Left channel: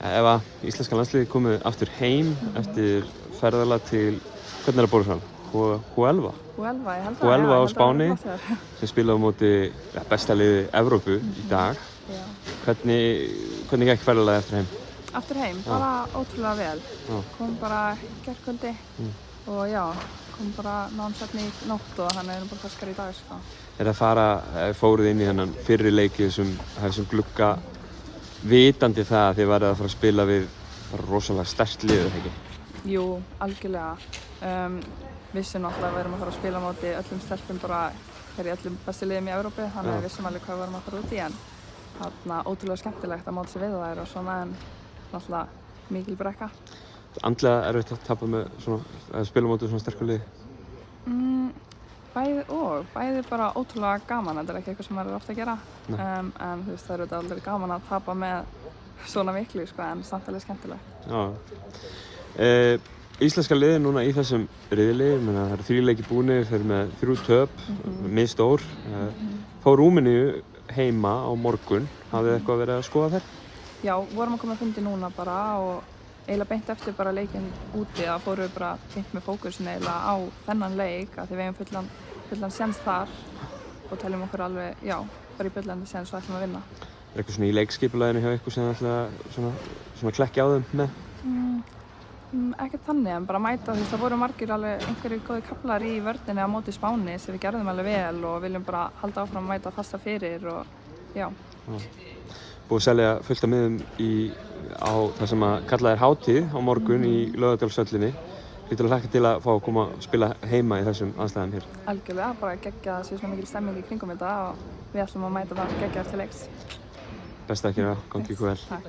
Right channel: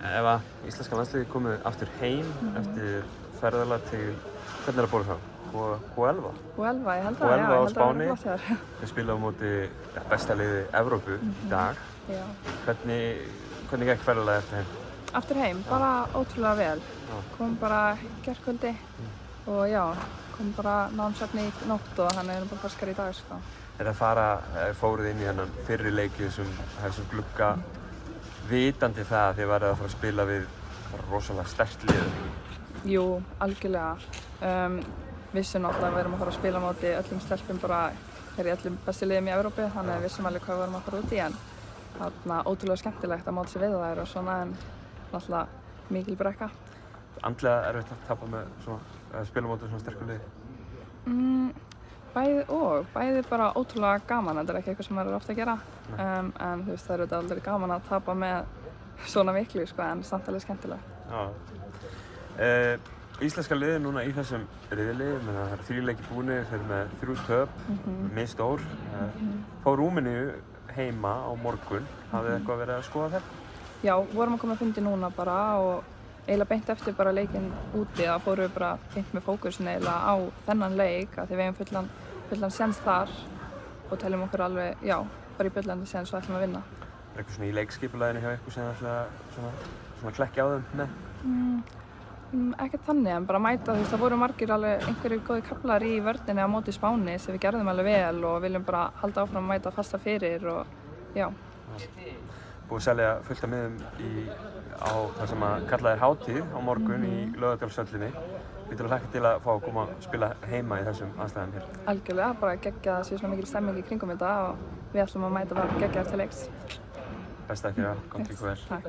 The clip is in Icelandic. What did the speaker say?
Ef að íslenska landsliðið komið aftur heim eftir ferðalag til hvernig er að bóra Huelva? Huelva, ég held að, Huelva já, á ég held að það Spáni, verður flott hjá þér. sem spila á móti besta liði Evrópu í dag. Já. Hvernig gekk ferðalagið eftir heim? Aftur heim, bara ótrúlega vel. Kom bara gærkvöldi og já, kom bara námsefni í nótt og hann er bara ferskar í dag, sko. Fóruð inn í þennan fyrri leiki þessum glugga vitandi það að þið værið að fara að spila við rosalega sterkt lið? Jú, algjörlega. Vissum náttúrulega að við erum að fara að spila á móti öllum stelpum bara í öllum bestu liðum í Evrópu, þannig að við vissum alveg hvað við erum að fara út í, en þarna ótrúlega skemmtilegt að móta sig við þær og svona, en náttúrulega mikil brekka. Andlega erfitt að tapa með að spila á móti svona sterku liði? Bæði bara ótrúlega gaman, þetta er ekki eitthvað sem maður er ofta að gera, en þú veist, það er aldrei gaman að tapa með svona miklu, sko, en samt alveg skemmtilegt. Já. Íslenska liðið núna í þessum riðli, það eru 3 leiki búnir, þeir eru með 3 töp, misstór. Fá Rúmeníu heima á morgun, hafið þið eitthvað verið að skoða þér? Já, vorum að koma að fundi núna bara og eiginlega beint eftir bara leikinn úti, þá fórum við bara beint með fókusin eiginlega á þennan leik, af því við eigum fullan séns þar og teljum okkur alveg, já, bara í bullandi séns og ætlum að vinna. Er eitthvað svona í leikskipulaginu hjá ykkur sem þið ætla að klekkja á þeim með? Ekkert þannig, en bara mæta, þú veist, það voru margir alveg einhverjir góði kaflar í vörninni á móti Spáni sem við gerðum alveg vel og viljum bara halda áfram að mæta fasta fyrir og, já. Búið að selja fullt af miðum á það sem að kalla er hátíð á morgun í Laugardalshöllinni. Getur þú hlakka til að fá að koma að spila heima í þessum aðstæðum hér? Algjörlega, bara geggja að það sé svona mikil stemming í kringum þetta og við ætlum að mæta það geggja eftir leiks. Best að gera, gangi ykkur vel. Takk.